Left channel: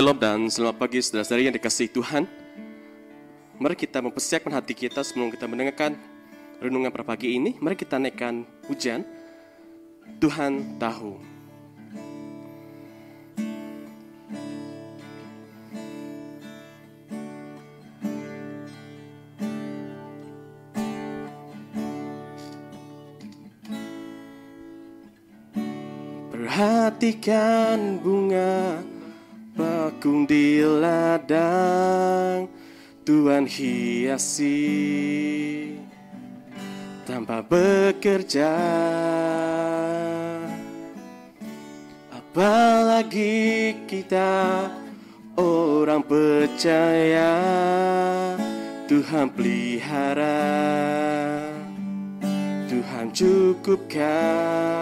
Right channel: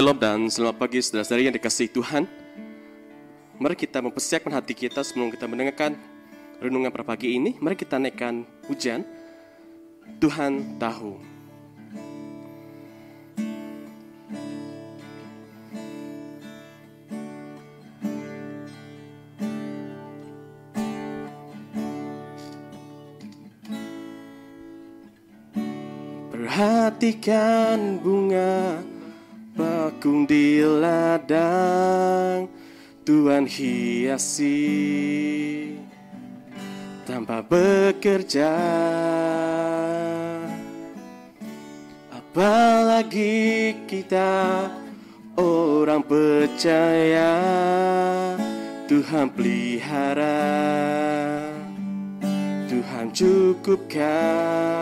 Shalom dan selamat pagi saudara-saudari yang dikasihi Tuhan. Mari kita mempersiapkan hati kita sebelum kita mendengarkan renungan pada pagi ini. Mari kita naikkan pujian Tuhan Tahu. Perhatikan bunga bakung di ladang, Tuhan hiasi tanpa bekerja. Apalagi kita orang percaya, Tuhan pelihara, Tuhan cukupkan.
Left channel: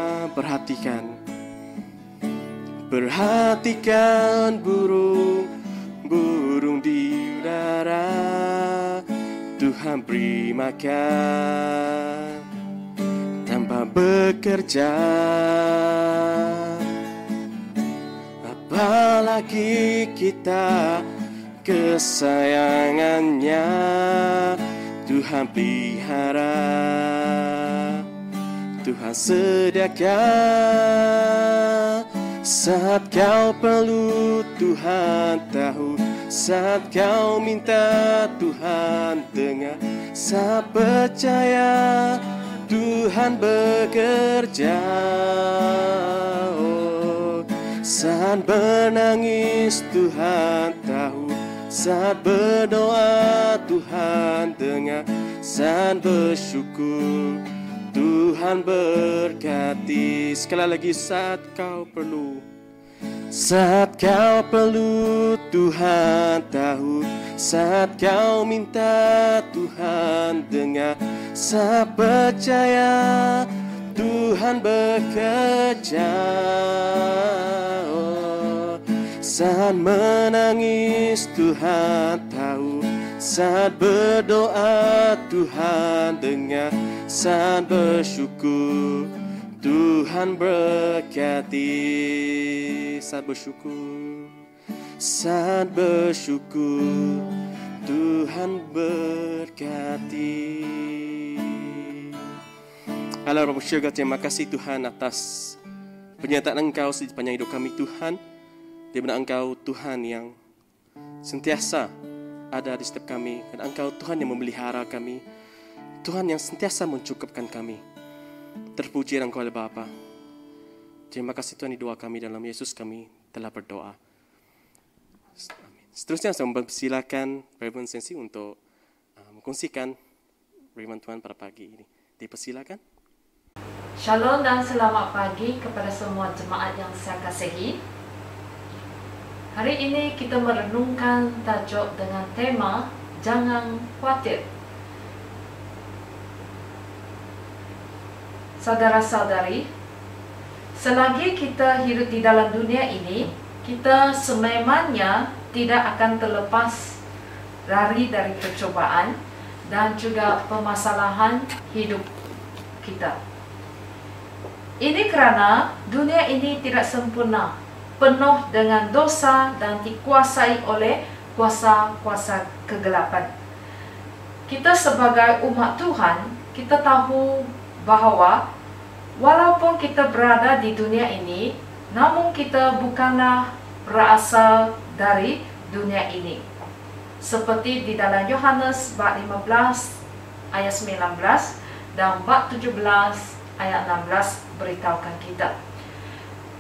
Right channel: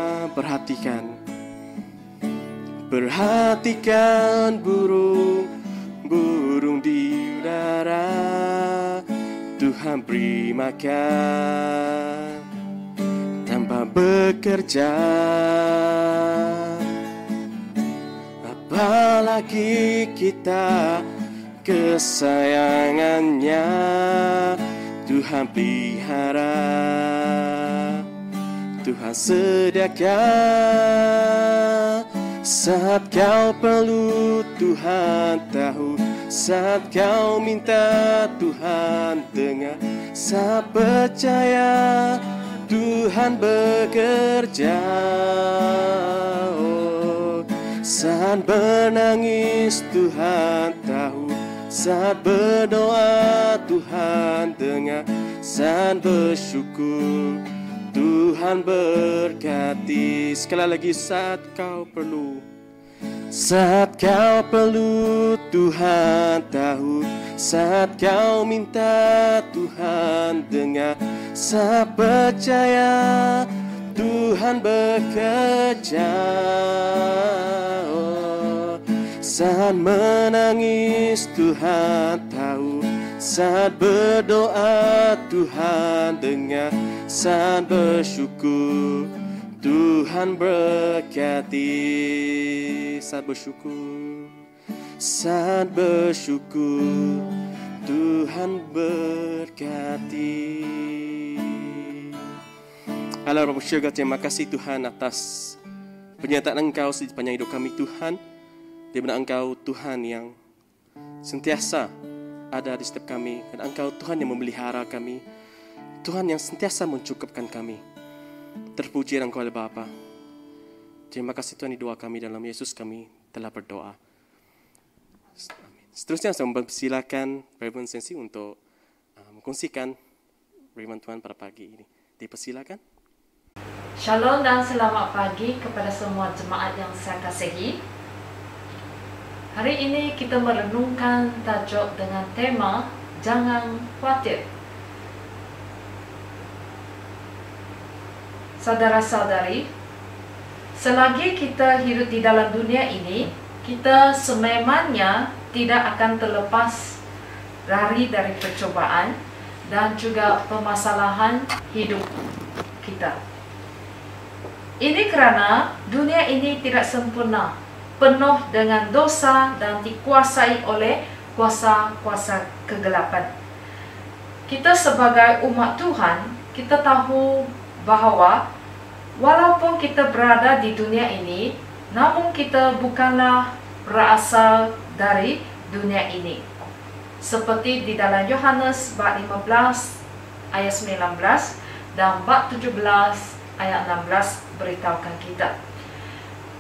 Perhatikan burung di udara, Tuhan beri makan tanpa bekerja. Apalagi kita kesayangannya, Tuhan pelihara, Tuhan sediakan. Saat kau perlu Tuhan tahu, saat kau minta Tuhan dengar, saat percaya Tuhan bekerja. Oh, saat menangis Tuhan tahu, saat berdoa Tuhan dengar, saat bersyukur Tuhan berkati. Sekali lagi, saat kau perlu, saat kau perlu Tuhan tahu, saat kau minta Tuhan dengar, saat percaya Tuhan bekerja. Oh, saat menangis Tuhan tahu, saat berdoa Tuhan dengar, saat bersyukur Tuhan berkati. Saat bersyukur Tuhan berkati. Allah Bapa Syurga, terima kasih Tuhan atas penyertaan Engkau sepanjang hidup kami Tuhan, di mana Engkau Tuhan yang sentiasa ada di setiap kami, dan Engkau Tuhan yang memelihara kami, Tuhan yang sentiasa mencukupkan kami. Terpuji Engkau oleh Bapa. Terima kasih Tuhan, di doa kami dalam Yesus kami telah berdoa. Amin. Seterusnya saya mempersilakan Reverend Sensi untuk mengkongsikan firman Tuhan pada pagi ini. Dipersilakan. Shalom dan selamat pagi kepada semua jemaat yang saya kasihi. Hari ini kita merenungkan tajuk dengan tema Jangan Khawatir. Saudara-saudari, selagi kita hidup di dalam dunia ini, kita sememangnya tidak akan terlepas lari dari percobaan dan juga permasalahan hidup kita. Ini kerana dunia ini tidak sempurna, penuh dengan dosa dan dikuasai oleh kuasa-kuasa kegelapan. Kita sebagai umat Tuhan, kita tahu bahawa walaupun kita berada di dunia ini, namun kita bukanlah berasal dari dunia ini. Seperti di dalam Yohanes bab 15 ayat 19 dan bab 17 ayat 16 beritahukan kita.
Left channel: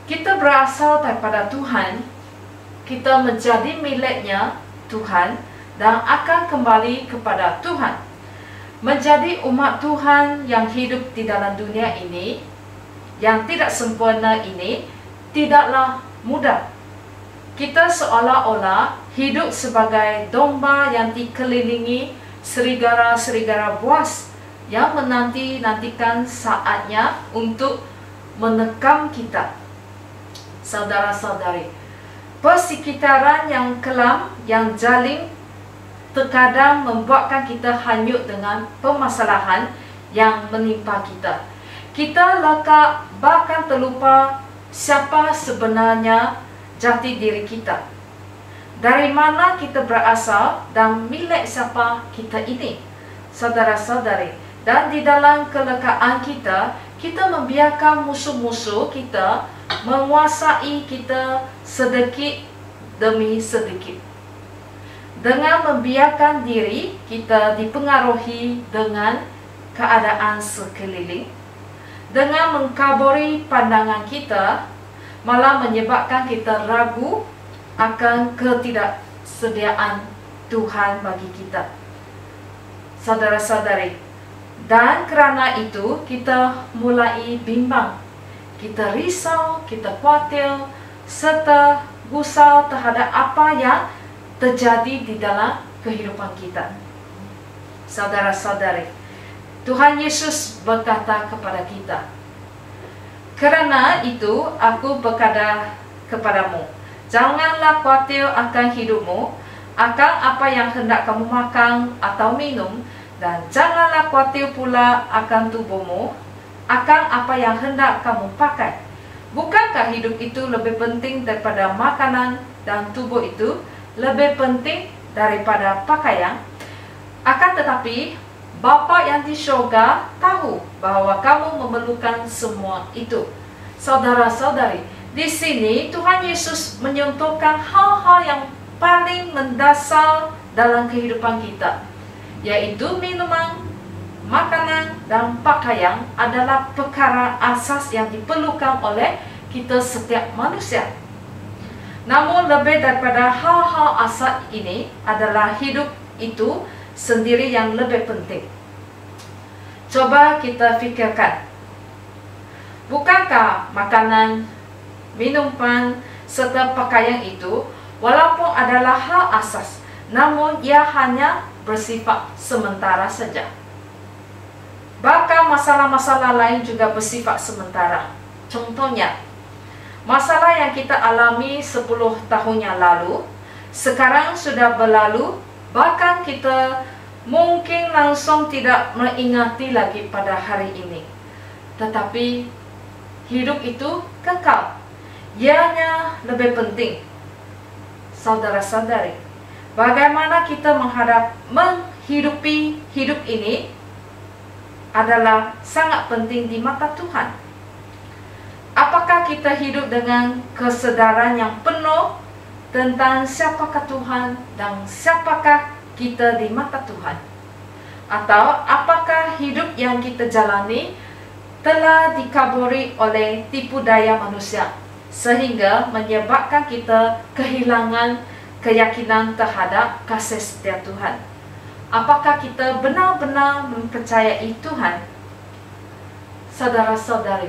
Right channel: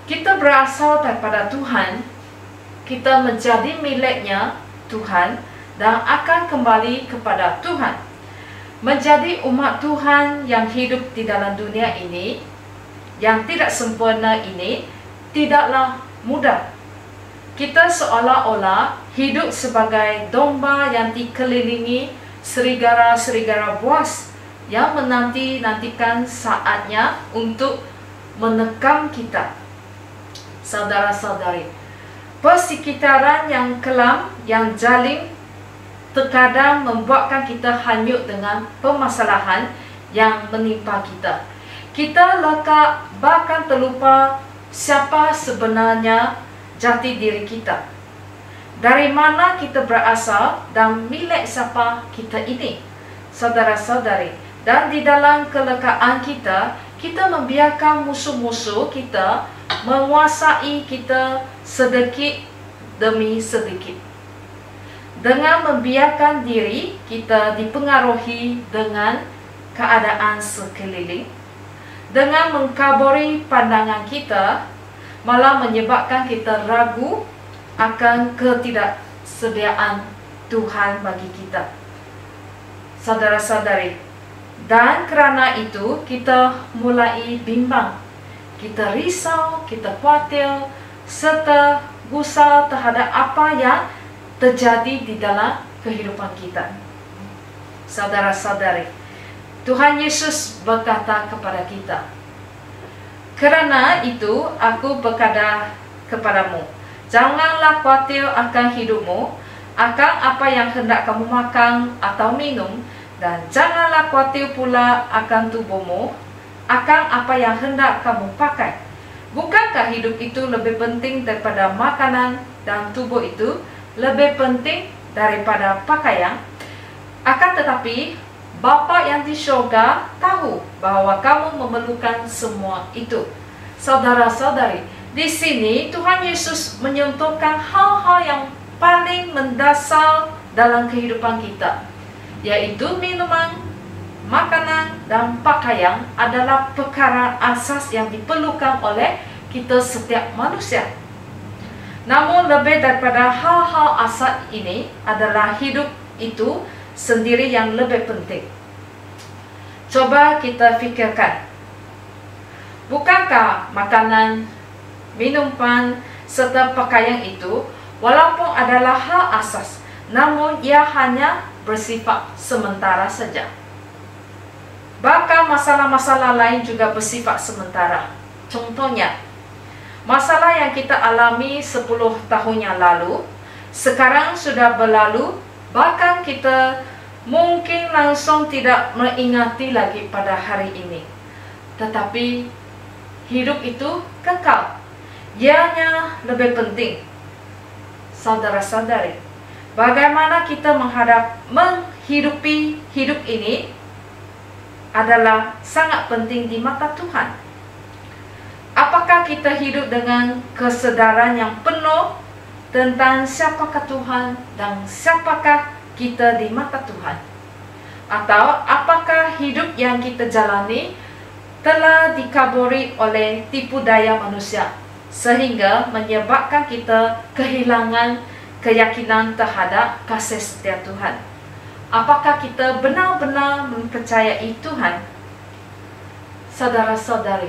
Kita berasal daripada Tuhan, kita menjadi miliknya Tuhan dan akan kembali kepada Tuhan. Menjadi umat Tuhan yang hidup di dalam dunia ini, yang tidak sempurna ini, tidaklah mudah. Kita seolah-olah hidup sebagai domba yang dikelilingi serigala-serigala buas yang menanti-nantikan saatnya untuk menekam kita. Saudara-saudari, persekitaran yang kelam, yang jaling, terkadang membuatkan kita hanyut dengan permasalahan yang menimpa kita. Kita lekak bahkan terlupa siapa sebenarnya jati diri kita. Dari mana kita berasal dan milik siapa kita ini, saudara-saudari. Dan di dalam kelekaan kita, kita membiarkan musuh-musuh kita menguasai kita sedikit demi sedikit. Dengan membiarkan diri kita dipengaruhi dengan keadaan sekeliling, dengan mengkaburi pandangan kita, malah menyebabkan kita ragu akan ketidaksediaan Tuhan bagi kita, saudara-saudari. Dan kerana itu kita mulai bimbang, kita risau, kita khawatir, serta gusar terhadap apa yang terjadi di dalam kehidupan kita. Saudara-saudari, Tuhan Yesus berkata kepada kita, "Kerana itu aku berkata kepadamu, janganlah khawatir akan hidupmu, akan apa yang hendak kamu makan atau minum, dan janganlah khawatir pula akan tubuhmu, akan apa yang hendak kamu pakai. Bukankah hidup itu lebih penting daripada makanan, dan tubuh itu lebih penting daripada pakaian? Akan tetapi, Bapa yang di syurga tahu bahwa kamu memerlukan semua itu." Saudara-saudari, di sini Tuhan Yesus menyentuhkan hal-hal yang paling mendasar dalam kehidupan kita, yaitu minuman, makanan, dan pakaian adalah perkara asas yang diperlukan oleh kita setiap manusia. Namun lebih daripada hal-hal asas ini adalah hidup itu sendiri yang lebih penting. Coba kita fikirkan, bukankah makanan, minuman, serta pakaian itu walaupun adalah hal asas, namun ia hanya bersifat sementara saja. Bahkan masalah-masalah lain juga bersifat sementara. Contohnya, masalah yang kita alami 10 tahun yang lalu, sekarang sudah berlalu, bahkan kita mungkin langsung tidak mengingati lagi pada hari ini. Tetapi hidup itu kekal, ianya lebih penting. Saudara-saudari, bagaimana kita menghidupi hidup ini adalah sangat penting di mata Tuhan. Apakah kita hidup dengan kesedaran yang penuh tentang siapakah Tuhan dan siapakah kita di mata Tuhan? Atau apakah hidup yang kita jalani telah dikaburi oleh tipu daya manusia, sehingga menyebabkan kita kehilangan keyakinan terhadap kasih setia Tuhan? Apakah kita benar-benar mempercayai Tuhan? Saudara-saudari,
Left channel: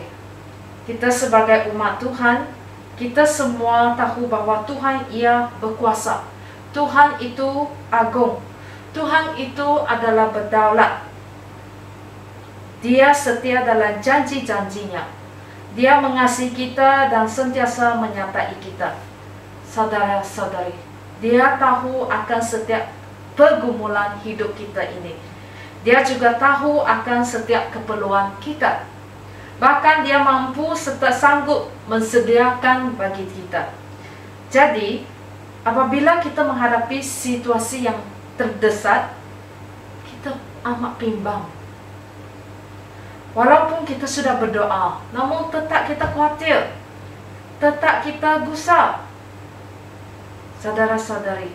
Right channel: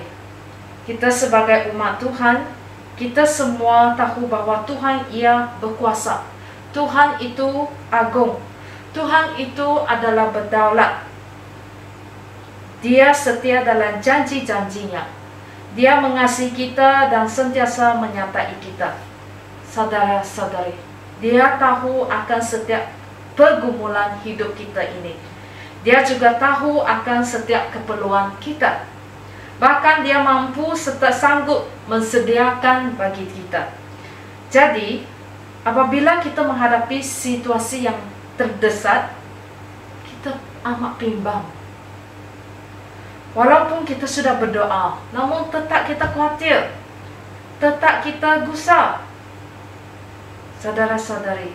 kita sebagai umat Tuhan, kita semua tahu bahwa Tuhan Ia berkuasa. Tuhan itu agung. Tuhan itu adalah berdaulat. Dia setia dalam janji-janjinya. Dia mengasihi kita dan sentiasa menyertai kita. Saudara-saudari, Dia tahu akan setiap pergumulan hidup kita ini. Dia juga tahu akan setiap keperluan kita. Bahkan Dia mampu serta sanggup mensediakan bagi kita. Jadi, apabila kita menghadapi situasi yang terdesak, kita amat bimbang. Walaupun kita sudah berdoa, namun tetap kita khawatir, tetap kita gusar. Saudara-saudari,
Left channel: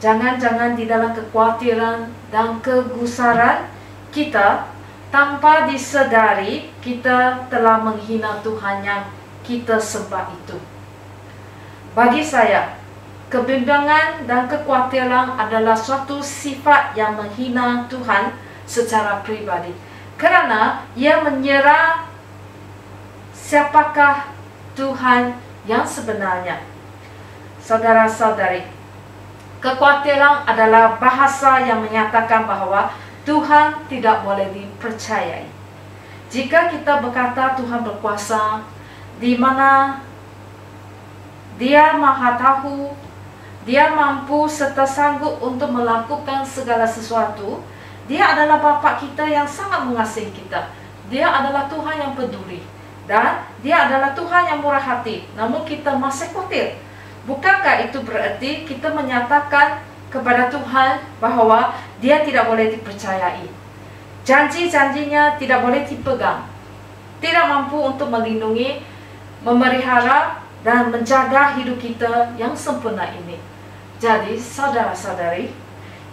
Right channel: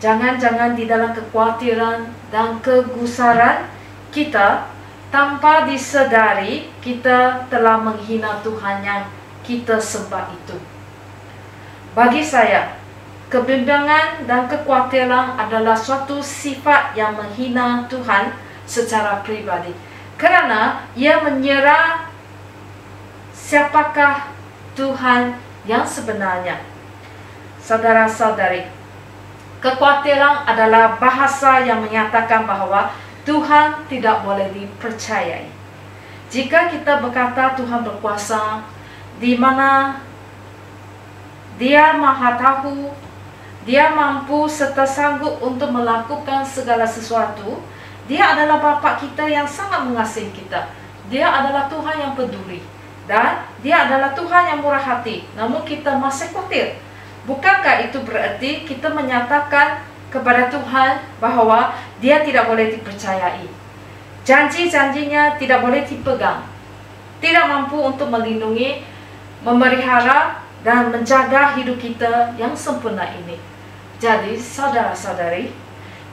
jangan-jangan di dalam kekhawatiran dan kegusaran kita, tanpa disedari kita telah menghina Tuhan yang kita sembah itu. Bagi saya, kebimbangan dan kekhawatiran adalah suatu sifat yang menghina Tuhan secara pribadi, kerana ia menyerah siapakah Tuhan yang sebenarnya. Saudara-saudari, kekhawatiran adalah bahasa yang menyatakan bahawa Tuhan tidak boleh dipercayai. Jika kita berkata Tuhan berkuasa, di mana Dia maha tahu, Dia mampu serta sanggup untuk melakukan segala sesuatu, Dia adalah Bapa kita yang sangat mengasihi kita. Dia adalah Tuhan yang peduli, dan Dia adalah Tuhan yang murah hati. Namun kita masih khawatir. Bukankah itu berarti kita menyatakan kepada Tuhan bahwa Dia tidak boleh dipercayai, janji-janjinya tidak boleh dipegang, tidak mampu untuk melindungi, memelihara, dan menjaga hidup kita yang sempurna ini? Jadi saudara-saudari,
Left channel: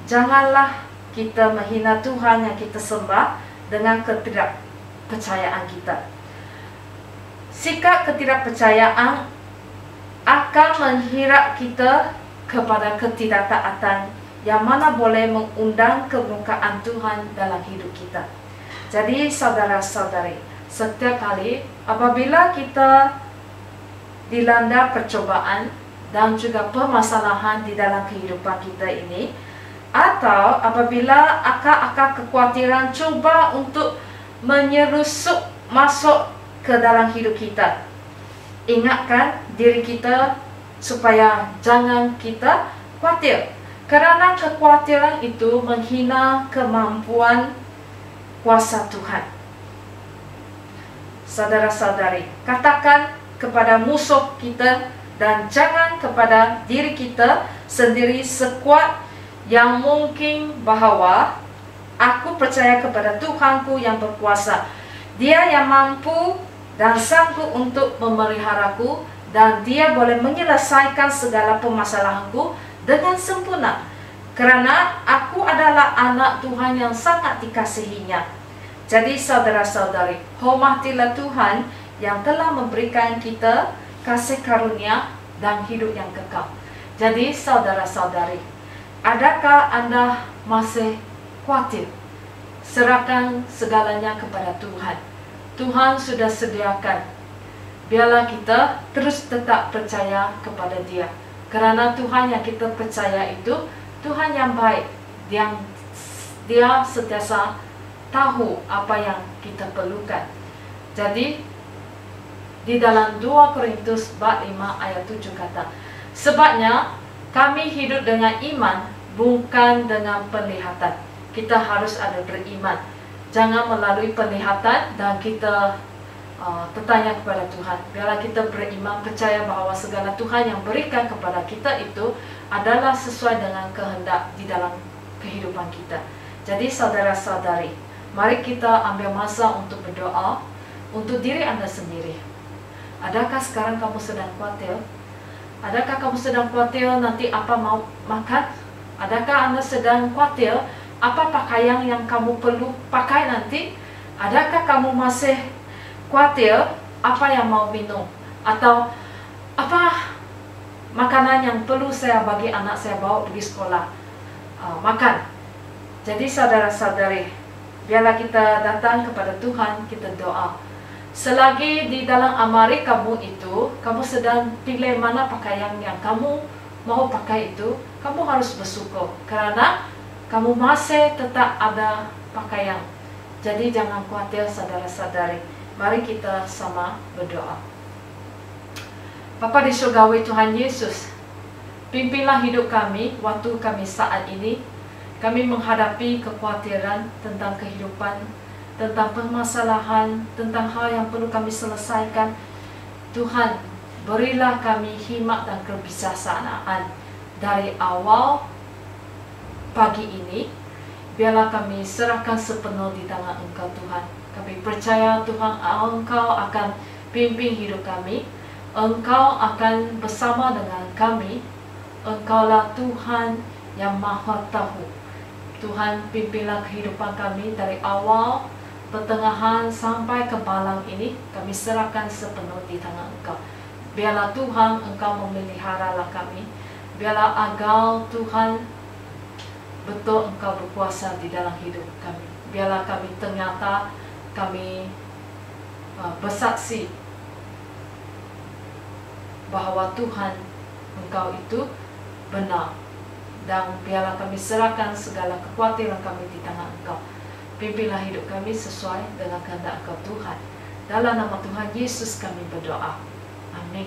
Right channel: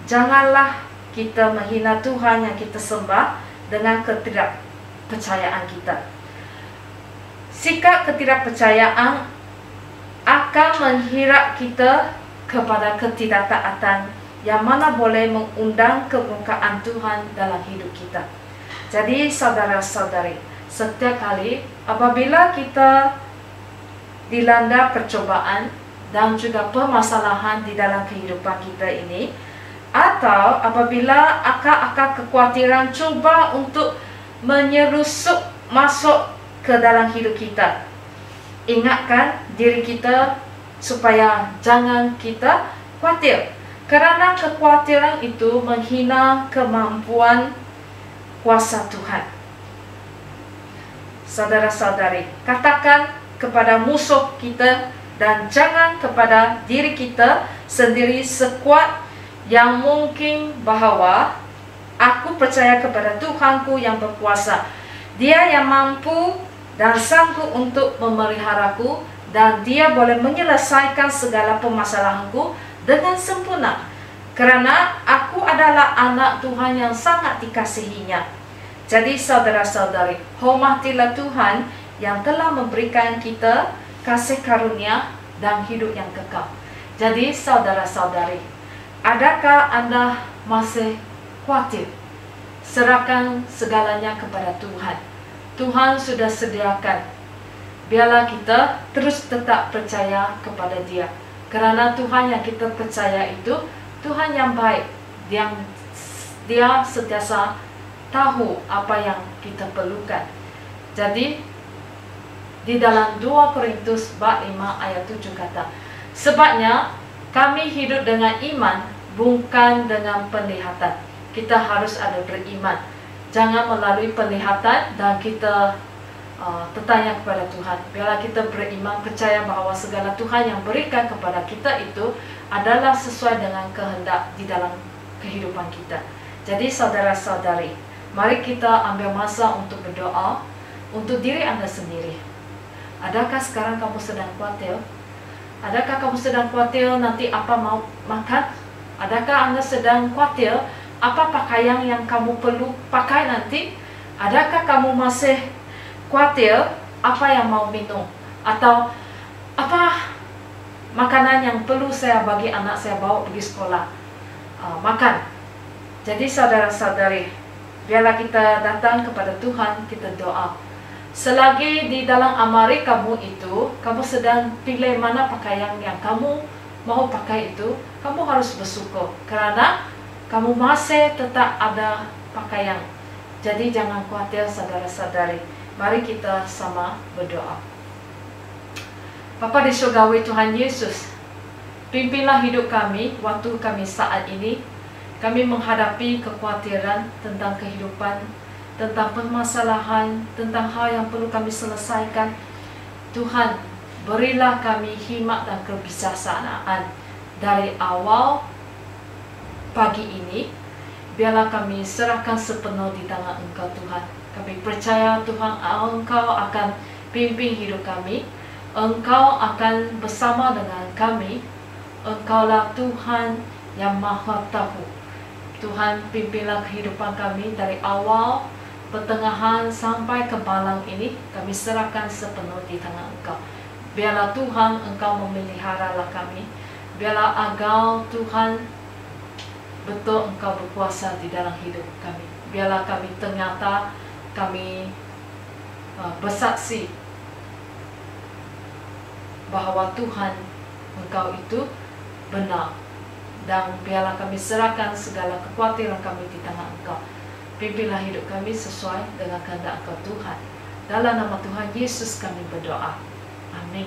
janganlah kita menghina Tuhan yang kita sembah dengan ketidakpercayaan kita. Sikap ketidakpercayaan akan menghirak kita kepada ketidaktaatan yang mana boleh mengundang kemurkaan Tuhan dalam hidup kita. Jadi saudara-saudari, setiap kali apabila kita dilanda percobaan dan juga permasalahan di dalam kehidupan kita ini, atau apabila akar-akar kekhawatiran cuba untuk menyelusup masuk ke dalam hidup kita, ingatkan diri kita supaya jangan kita khawatir, kerana kekhawatiran itu menghina kemampuan kuasa Tuhan. Saudara-saudari, katakan kepada musuh kita dan jangan kepada diri kita sendiri sekuat yang mungkin bahwa aku percaya kepada Tuhanku yang berkuasa. Dia yang mampu dan sanggup untuk memeliharaku, dan Dia boleh menyelesaikan segala permasalahanku dengan sempurna, kerana aku adalah anak Tuhan yang sangat dikasihinya. Jadi saudara-saudari, hormatilah Tuhan yang telah memberikan kita kasih karunia dan hidup yang kekal. Jadi saudara-saudari, adakah Anda masih khawatir? Serahkan segalanya kepada Tuhan. Tuhan sudah sediakan. Biarlah kita terus tetap percaya kepada Dia, kerana Tuhan yang kita percaya itu Tuhan yang baik, yang Dia sentiasa tahu apa yang kita perlukan. Jadi di dalam 2 Korintus bab 5 ayat 7 kata, sebabnya kami hidup dengan iman, bukan dengan penglihatan. Kita harus ada beriman, jangan melalui penglihatan dan kita bertanya kepada Tuhan. Biarlah kita beriman, percaya bahawa segala Tuhan yang berikan kepada kita itu adalah sesuai dengan kehendak di dalam kehidupan kita. Jadi saudara-saudari, mari kita ambil masa untuk berdoa untuk diri Anda sendiri. Adakah sekarang kamu sedang khawatir? Adakah kamu sedang khawatir nanti apa mau makan? Adakah Anda sedang khawatir apa pakaian yang kamu perlu pakai nanti? Adakah kamu masih khawatir apa yang mau minum? Atau apa makanan yang perlu saya bagi anak saya bawa pergi sekolah makan? Jadi saudara-saudari, biarlah kita datang kepada Tuhan, kita doa. Selagi di dalam amari kamu itu, kamu sedang pilih mana pakaian yang kamu mau pakai itu, kamu harus bersyukur, kerana kamu masih tetap ada pakaian. Jadi jangan khawatir saudara-saudari. Mari kita sama berdoa. Bapa di surgawi Tuhan Yesus, pimpinlah hidup kami waktu kami saat ini. Kami menghadapi kekhawatiran tentang kehidupan, tentang permasalahan, tentang hal yang perlu kami selesaikan. Tuhan, berilah kami hikmat dan kebijaksanaan dari awal pagi ini. Biarlah kami serahkan sepenuh di tangan Engkau Tuhan. Kami percaya Tuhan, Engkau akan pimpin hidup kami. Engkau akan bersama dengan kami. Engkaulah Tuhan yang Maha Tahu. Tuhan, pimpinlah kehidupan kami dari awal, pertengahan sampai ke malam ini. Kami serahkan sepenuh di tangan Engkau. Biarlah Tuhan, Engkau memeliharalah kami. Biarlah agar Tuhan betul Engkau berkuasa di dalam hidup kami. Biarlah kami ternyata kami bersaksi bahawa Tuhan, Engkau itu benar. Dan biarlah kami serahkan segala kekhawatiran kami di tangan Engkau. Pimpinlah hidup kami sesuai dengan kehendak Engkau Tuhan. Dalam nama Tuhan Yesus kami berdoa. Amin.